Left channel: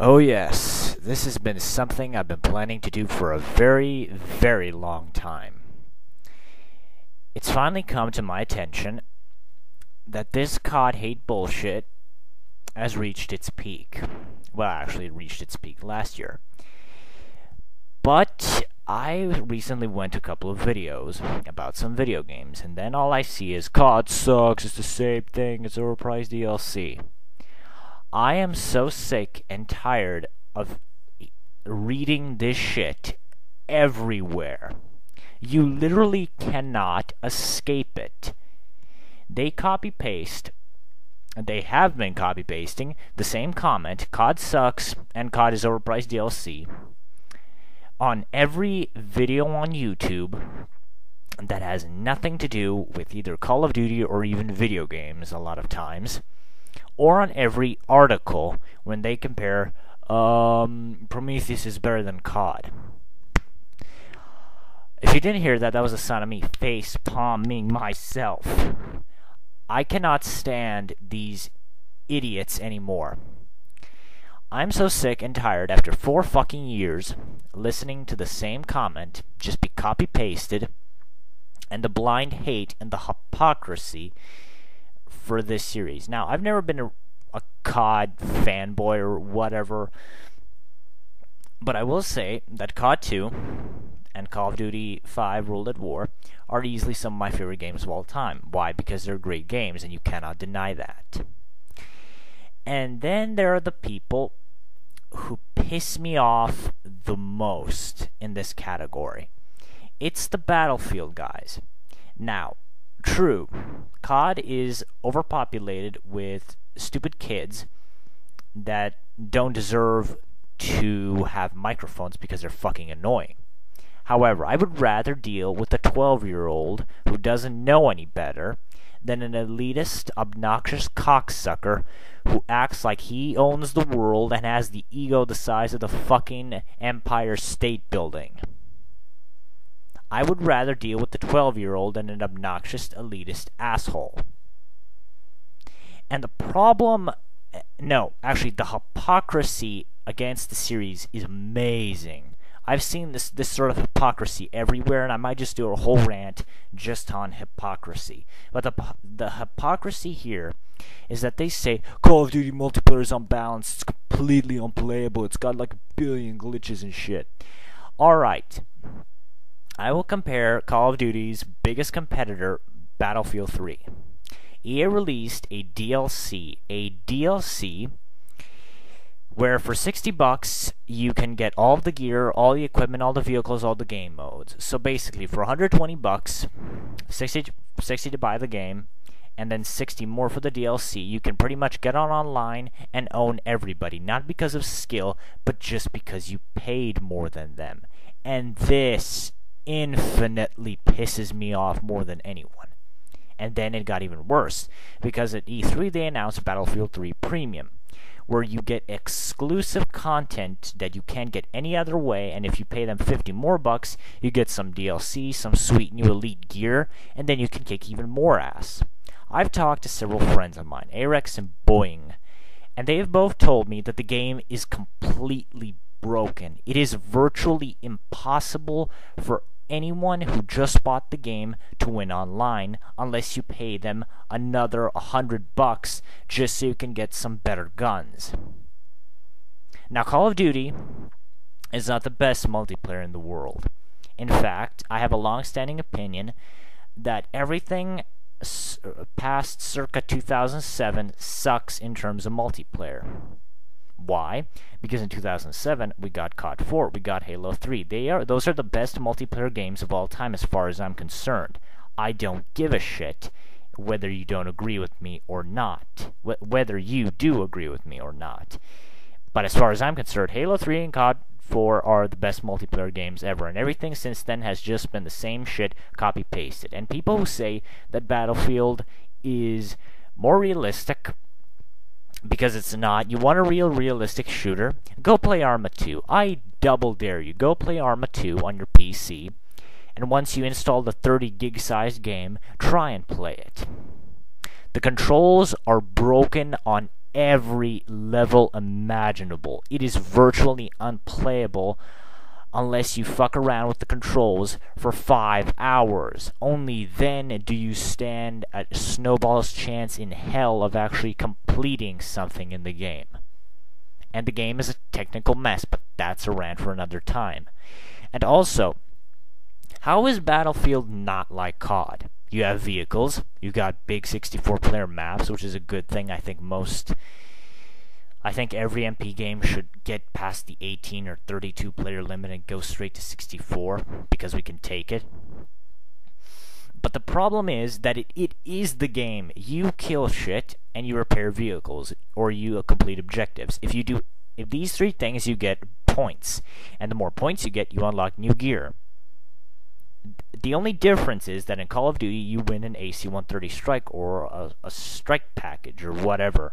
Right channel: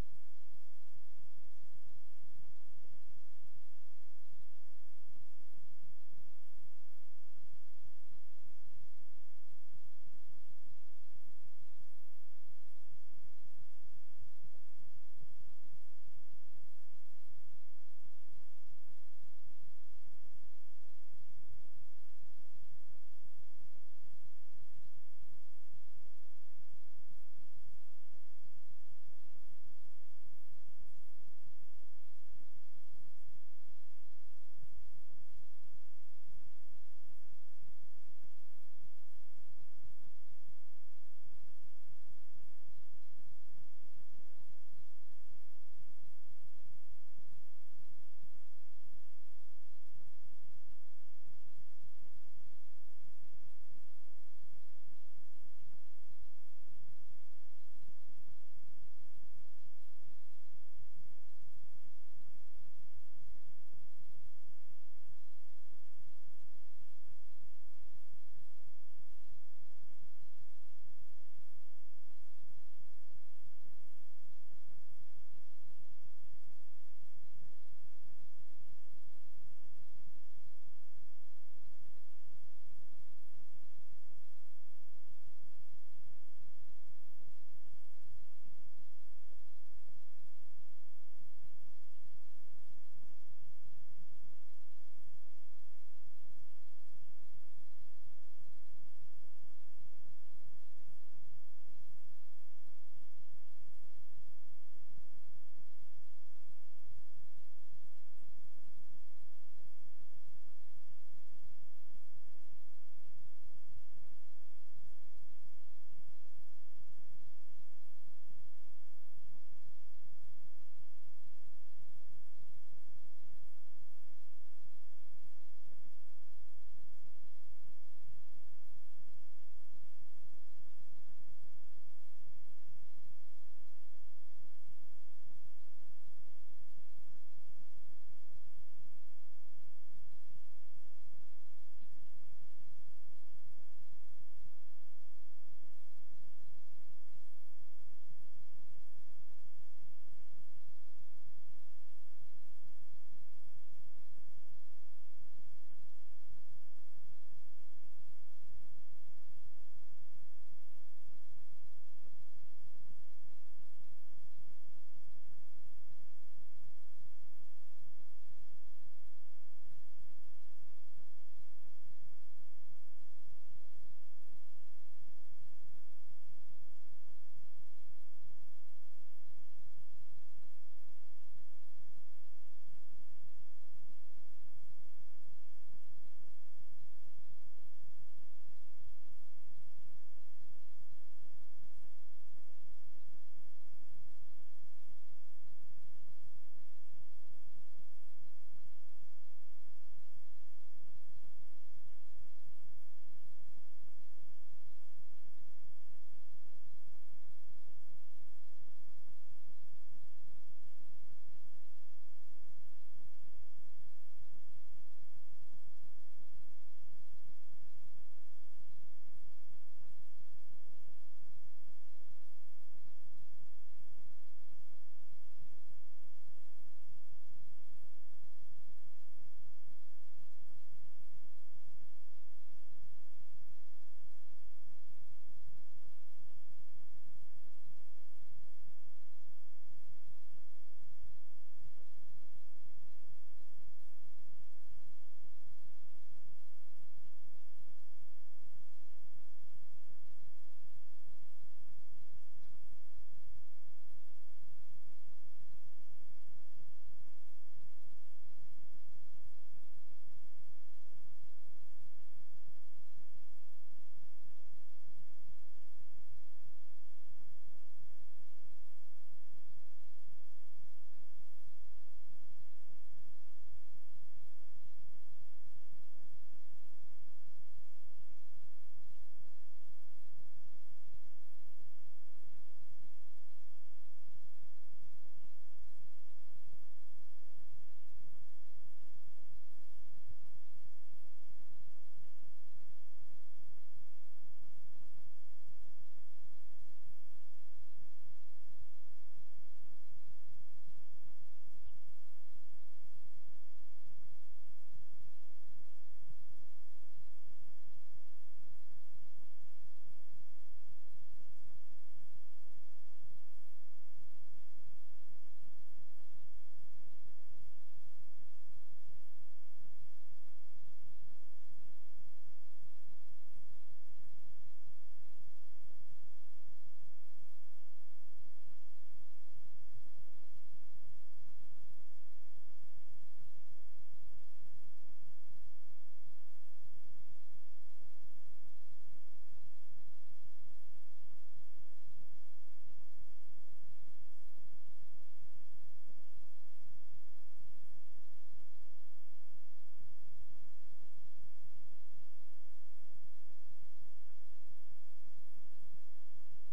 Oh yes, this has been something I've been planning to do for a very, very long time. It's finally come to my attention that this COD hate bullshit has reached its peak. Well, actually, it reached its peak last year. But I recently went to a couple of videos about some video games, and then all I see is COD sucks, it's the same thing, it's overpriced DLC. I am so sick and tired of reading this shit everywhere. You literally cannot escape it. They copy paste, they have been copy pasting the same comment, COD sucks and COD is overpriced DLC, on every video on YouTube that has nothing to do with either Call of Duty or even video games a lot of times, or on every article when they compare Prometheus is better than COD. If you didn't hear that, that was the sound of me face palming myself. I cannot stand these idiots anymore. I'm so sick and tired after 4 fucking years listening to the same comment just be copy pasted, and the blind hate and the hypocrisy for this series. Now, I've never been a COD fanboy or whatever, but I will say that COD 2 and Call of Duty 5 World at War are easily some of my favorite games of all time. Why? Because they're great games, and you cannot deny that. And then there are the people who piss me off the most in this category. It's the Battlefield guys. Now, true, COD is overpopulated with stupid kids that don't deserve to have microphones because they're fucking annoying. However, I would rather deal with a 12-year-old who doesn't know any better than an elitist, obnoxious cocksucker who acts like he owns the world and has the ego the size of the fucking Empire State Building. I would rather deal with the 12-year-old than an obnoxious, elitist asshole. And the problem, no, actually the hypocrisy against the series is amazing. I've seen this sort of hypocrisy everywhere, and I might just do a whole rant just on hypocrisy. But the hypocrisy here is that they say Call of Duty multiplayer is unbalanced, it's completely unplayable, it's got like a billion glitches and shit. Alright, I will compare Call of Duty's biggest competitor, Battlefield 3. EA released a DLC where for $60 you can get all of the gear, all the equipment, all the vehicles, all the game modes. So basically, for $120, 60 to buy the game, and then 60 more for the DLC, you can pretty much get on online and own everybody. Not because of skill, but just because you paid more than them. And this infinitely pisses me off more than anyone. And then it got even worse, because at E3 they announced Battlefield 3 Premium, where you get exclusive content that you can't get any other way, and if you pay them 50 more bucks, you get some DLC, some sweet new elite gear, and then you can kick even more ass. I've talked to several friends of mine, Arex and Boeing, and they have both told me that the game is completely broken. It is virtually impossible for anyone who just bought the game to win online unless you pay them another $100 just so you can get some better guns. Now, Call of Duty is not the best multiplayer in the world. In fact, I have a long-standing opinion that everything past circa 2007 sucks in terms of multiplayer. Why? Because in 2007 we got COD 4, we got Halo 3. Those are the best multiplayer games of all time as far as I'm concerned. I don't give a shit whether you don't agree with me or not. Whether you do agree with me or not. But as far as I'm concerned, Halo 3 and COD 4 are the best multiplayer games ever, and everything since then has just been the same shit copy-pasted. And people who say that Battlefield is more realistic, because it's not. You want a realistic shooter? Go play Arma 2. I double dare you. Go play Arma 2 on your PC, and once you install the 30 gig sized game, try and play it. The controls are broken on every level imaginable. It is virtually unplayable unless you fuck around with the controls for 5 hours. Only then do you stand a snowball's chance in hell of actually completing something in the game. And the game is a technical mess, but that's a rant for another time. And also, how is Battlefield not like CoD? You have vehicles, you got big 64-player maps, which is a good thing. I think every MP game should get past the 18 or 32 player limit and go straight to 64 because we can take it. But the problem is that it is the game. You kill shit and you repair vehicles or you complete objectives. If these three things, you get points, and the more points you get, you unlock new gear. The only difference is that in Call of Duty, you win an AC-130 strike or a strike package or whatever.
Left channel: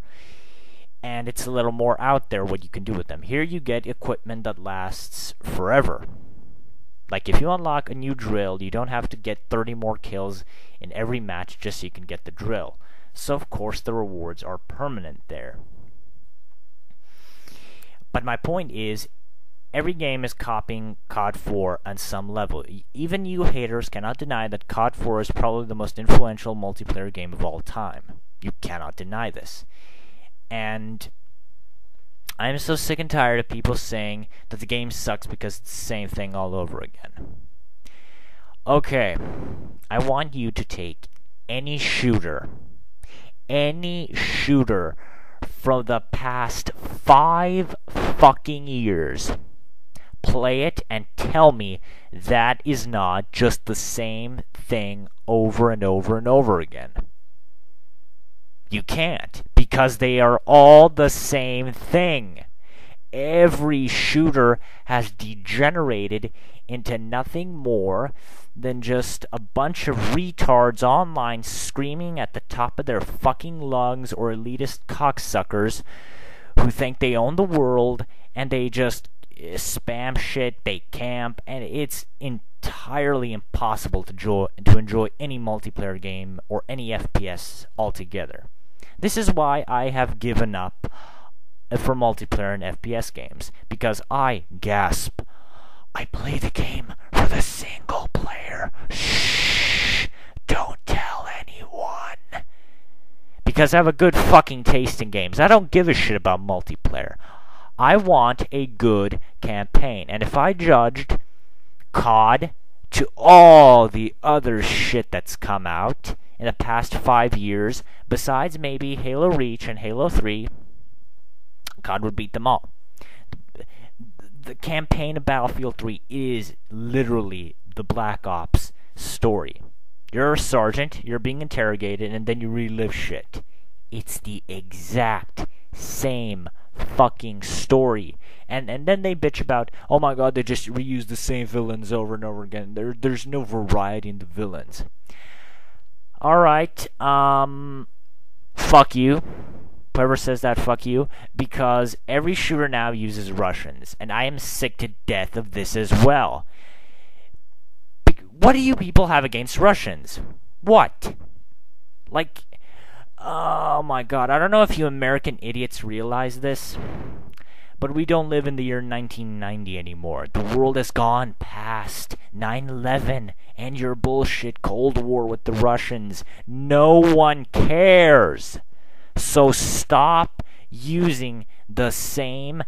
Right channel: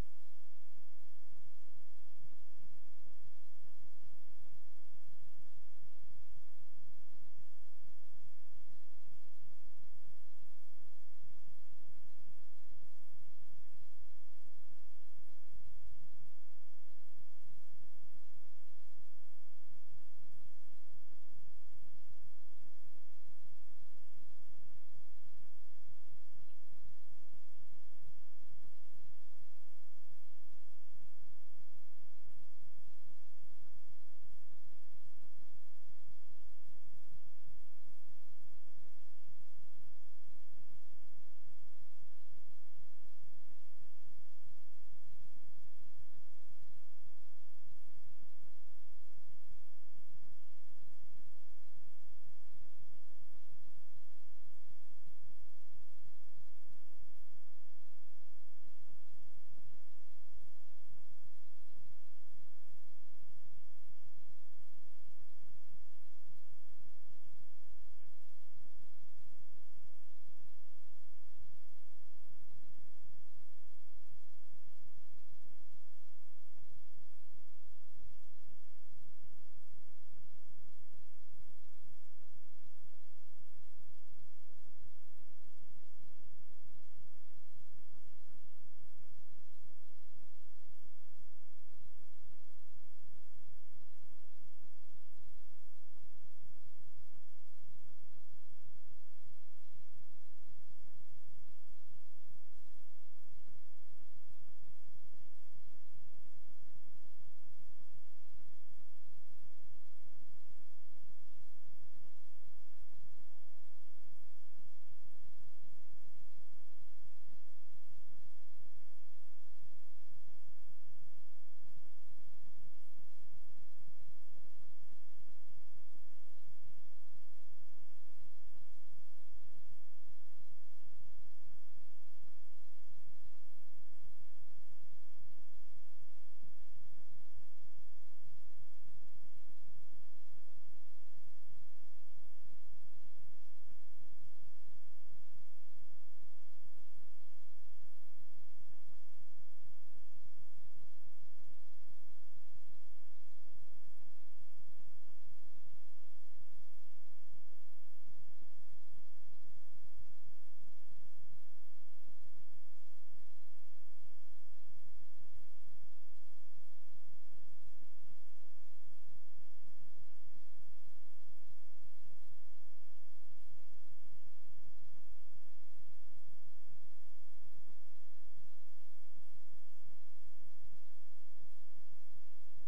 And it's a little more out there what you can do with them. Here you get equipment that lasts forever. Like if you unlock a new drill, you don't have to get 30 more kills in every match just so you can get the drill. So of course the rewards are permanent there. But my point is, every game is copying CoD 4 on some level. Even you haters cannot deny that CoD 4 is probably the most influential multiplayer game of all time. You cannot deny this. And I'm so sick and tired of people saying that the game sucks because it's the same thing all over again. Okay, I want you to take any shooter from the past 5 fucking years, play it and tell me that is not just the same thing over and over and over again. You can't, because they are all the same thing. Every shooter has degenerated into nothing more than just a bunch of retards online screaming at the top of their fucking lungs, or elitist cocksuckers who think they own the world and they just spam shit, they camp, and it's entirely impossible to enjoy any multiplayer game or any FPS altogether. This is why I have given up for multiplayer and FPS games, because I play the game for the single player. Shh, don't tell anyone. Because I have a good fucking taste in games. I don't give a shit about multiplayer. I want a good campaign. And if I judged CoD to all the other shit that's come out in the past 5 years, besides maybe Halo Reach and Halo 3, CoD would beat them all. The campaign of Battlefield 3 is literally the Black Ops story. You're a sergeant, you're being interrogated, and then you relive shit. It's the exact same fucking story. And then they bitch about, oh my god, they just reuse the same villains over and over again. There's no variety in the villains. Alright, fuck you. Whoever says that, fuck you. Because every shooter now uses Russians, and I am sick to death of this as well. What do you people have against Russians? What? Like, oh my god, I don't know if you American idiots realize this, but we don't live in the year 1990 anymore. The world has gone past 9/11 and your bullshit Cold War with the Russians. No one cares. So stop using the same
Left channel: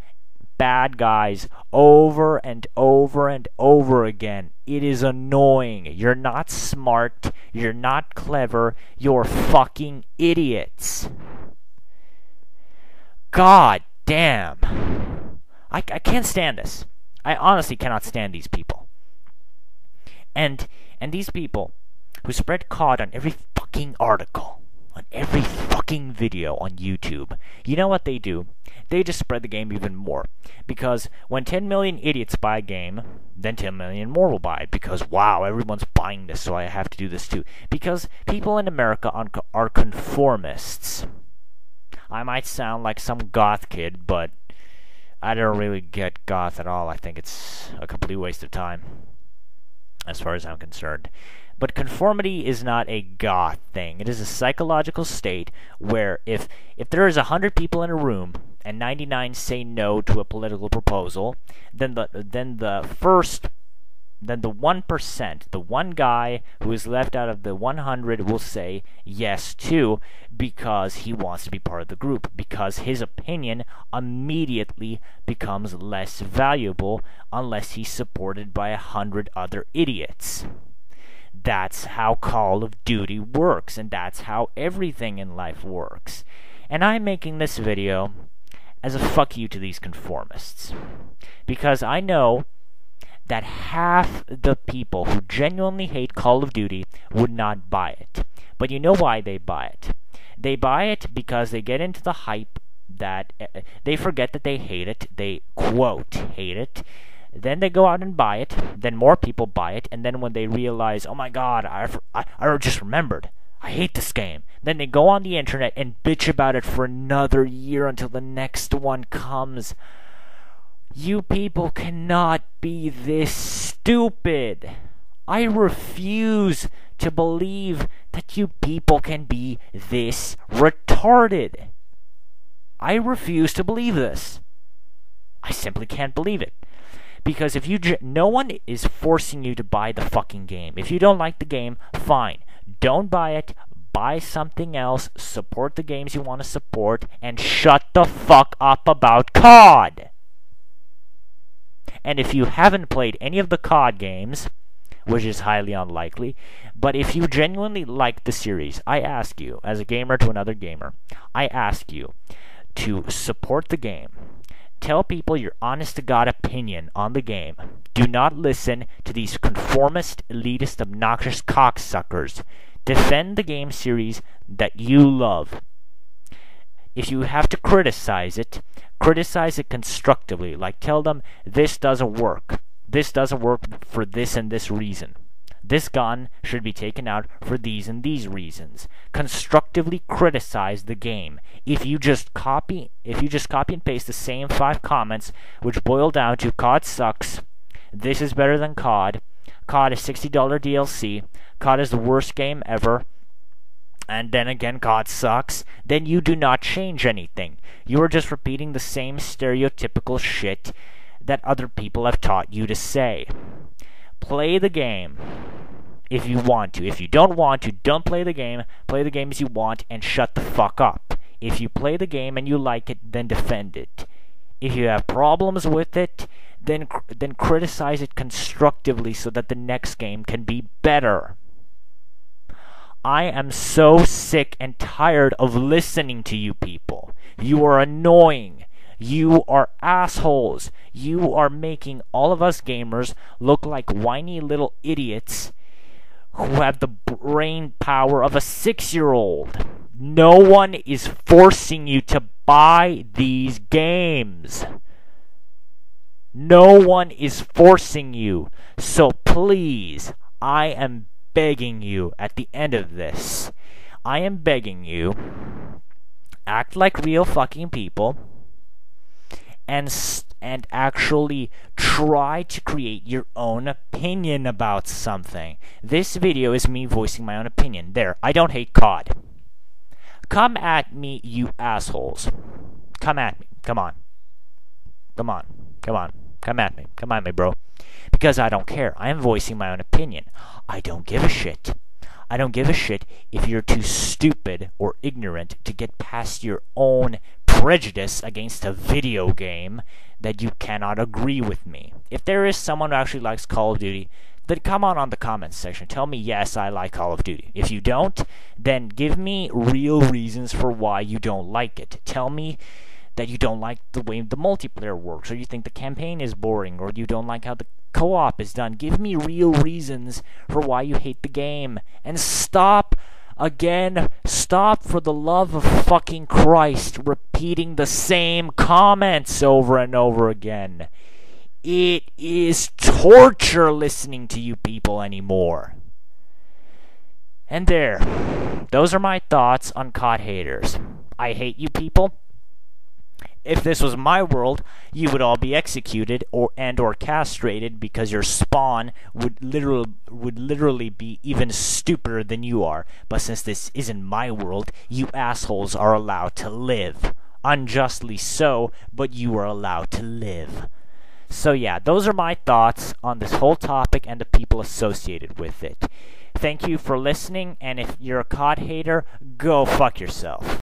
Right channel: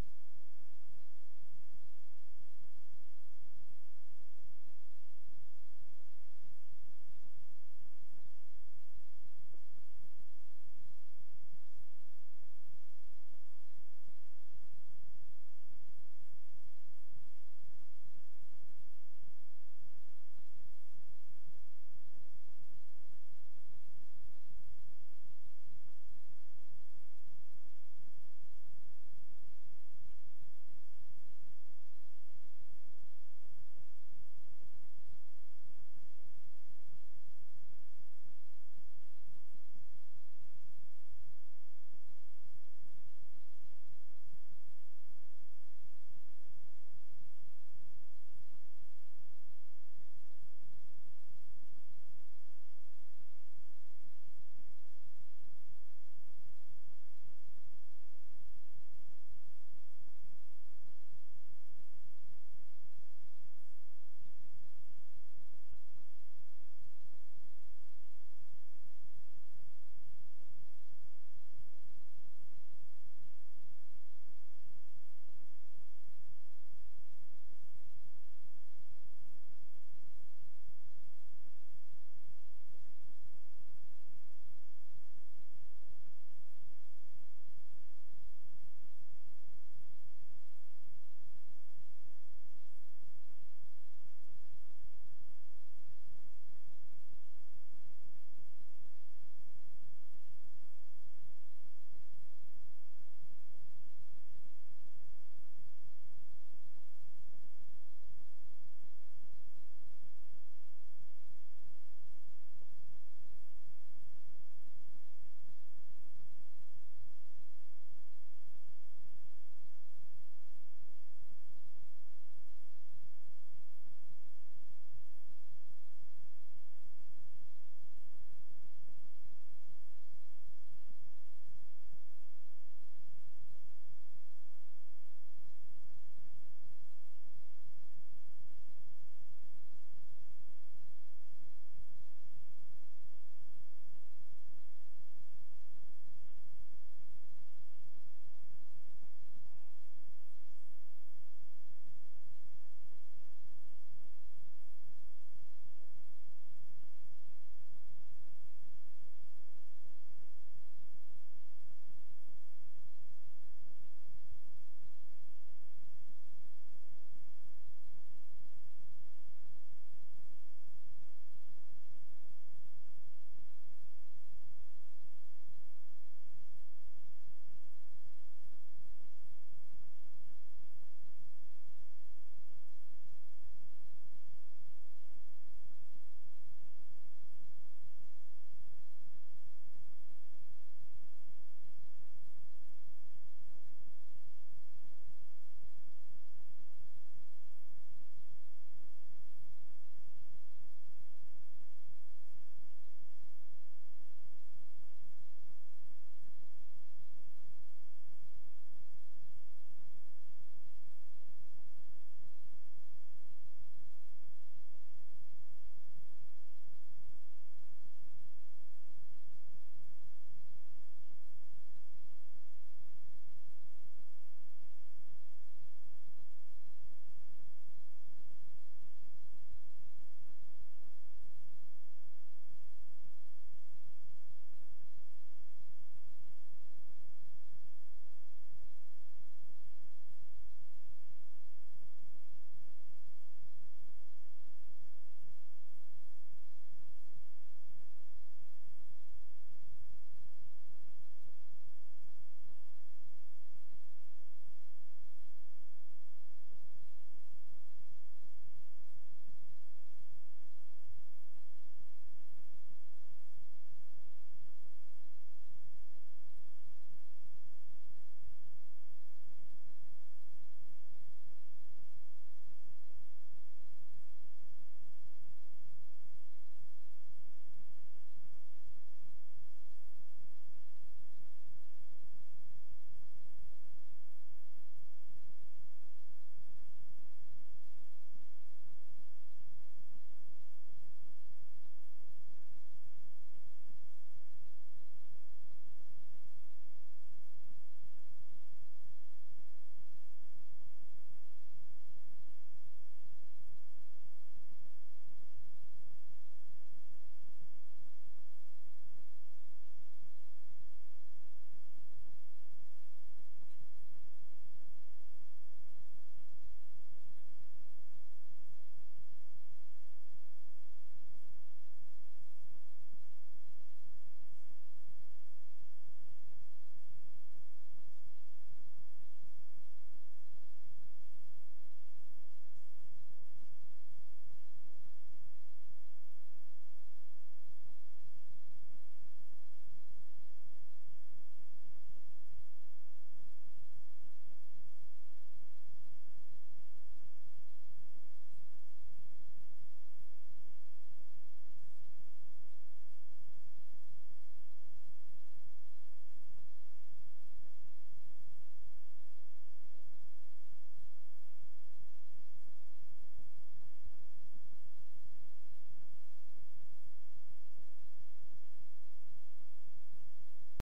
bad guys over and over and over again. It is annoying. You're not smart. You're not clever. You're fucking idiots. God damn. I can't stand this. I honestly cannot stand these people. And these people who spread COD on every fucking article, on every fucking video on YouTube, you know what they do? They just spread the game even more. Because when 10 million idiots buy a game, then 10 million more will buy it. Because, wow, everyone's buying this, so I have to do this too. Because people in America are conformists. I might sound like some goth kid, but I don't really get goth at all. I think it's a complete waste of time, as far as I'm concerned. But conformity is not a God thing. It is a psychological state where if there is 100 people in a room and 99 say no to a political proposal, then the 1%, the one guy who is left out of the 100 will say yes too, because he wants to be part of the group, because his opinion immediately becomes less valuable unless he's supported by 100 other idiots. That's how Call of Duty works, and that's how everything in life works. And I'm making this video as a fuck you to these conformists, because I know that half the people who genuinely hate Call of Duty would not buy it. But you know why they buy it. They buy it because they get into the hype that they forget that they hate it. They, quote, hate it. Then they go out and buy it. Then more people buy it. And then when they realize, oh my god, I just remembered, I hate this game. Then they go on the internet and bitch about it for another year until the next one comes. You people cannot be this stupid. I refuse to believe that you people can be this retarded. I refuse to believe this. I simply can't believe it. Because if no one is forcing you to buy the fucking game. If you don't like the game, fine. Don't buy it. Buy something else. Support the games you want to support. And shut the fuck up about COD. And if you haven't played any of the COD games, which is highly unlikely, but if you genuinely like the series, I ask you, as a gamer to another gamer, I ask you to support the game. Tell people your honest-to-God opinion on the game. Do not listen to these conformist, elitist, obnoxious cocksuckers. Defend the game series that you love. If you have to criticize it constructively. Like, tell them, this doesn't work. This doesn't work for this and this reason. This gun should be taken out for these and these reasons. Constructively criticize the game. If you just copy and paste the same 5 comments, which boil down to COD sucks, this is better than COD, COD is $60 DLC, COD is the worst game ever, and then again COD sucks, then you do not change anything. You are just repeating the same stereotypical shit that other people have taught you to say. Play the game if you want to. If you don't want to, don't play the game. Play the games you want and shut the fuck up. If you play the game and you like it, then defend it. If you have problems with it, then criticize it constructively so that the next game can be better. I am so sick and tired of listening to you people. You are annoying. You are assholes. You are making all of us gamers look like whiny little idiots who have the brain power of a 6-year-old. No one is forcing you to buy these games. No one is forcing you. So please, I am begging you at the end of this. I am begging you, act like real fucking people and actually try to create your own opinion about something. This video is me voicing my own opinion. There, I don't hate COD. Come at me, you assholes. Come at me. Come on. Come on. Come on. Come at me. Come at me, bro. Because I don't care. I am voicing my own opinion. I don't give a shit. I don't give a shit if you're too stupid or ignorant to get past your own prejudice against a video game that you cannot agree with me. If there is someone who actually likes Call of Duty, then come on the comments section. Tell me, yes, I like Call of Duty. If you don't, then give me real reasons for why you don't like it. Tell me that you don't like the way the multiplayer works, or you think the campaign is boring, or you don't like how the co-op is done. Give me real reasons for why you hate the game. And stop for the love of fucking Christ, repeating the same comments over and over again. It is torture listening to you people anymore. And there. Those are my thoughts on COD haters. I hate you people. if this was my world, you would all be executed or castrated because your spawn would literally be even stupider than you are. But since this isn't my world, you assholes are allowed to live. Unjustly so, but you are allowed to live. So yeah, those are my thoughts on this whole topic and the people associated with it. Thank you for listening, and if you're a COD hater, go fuck yourself.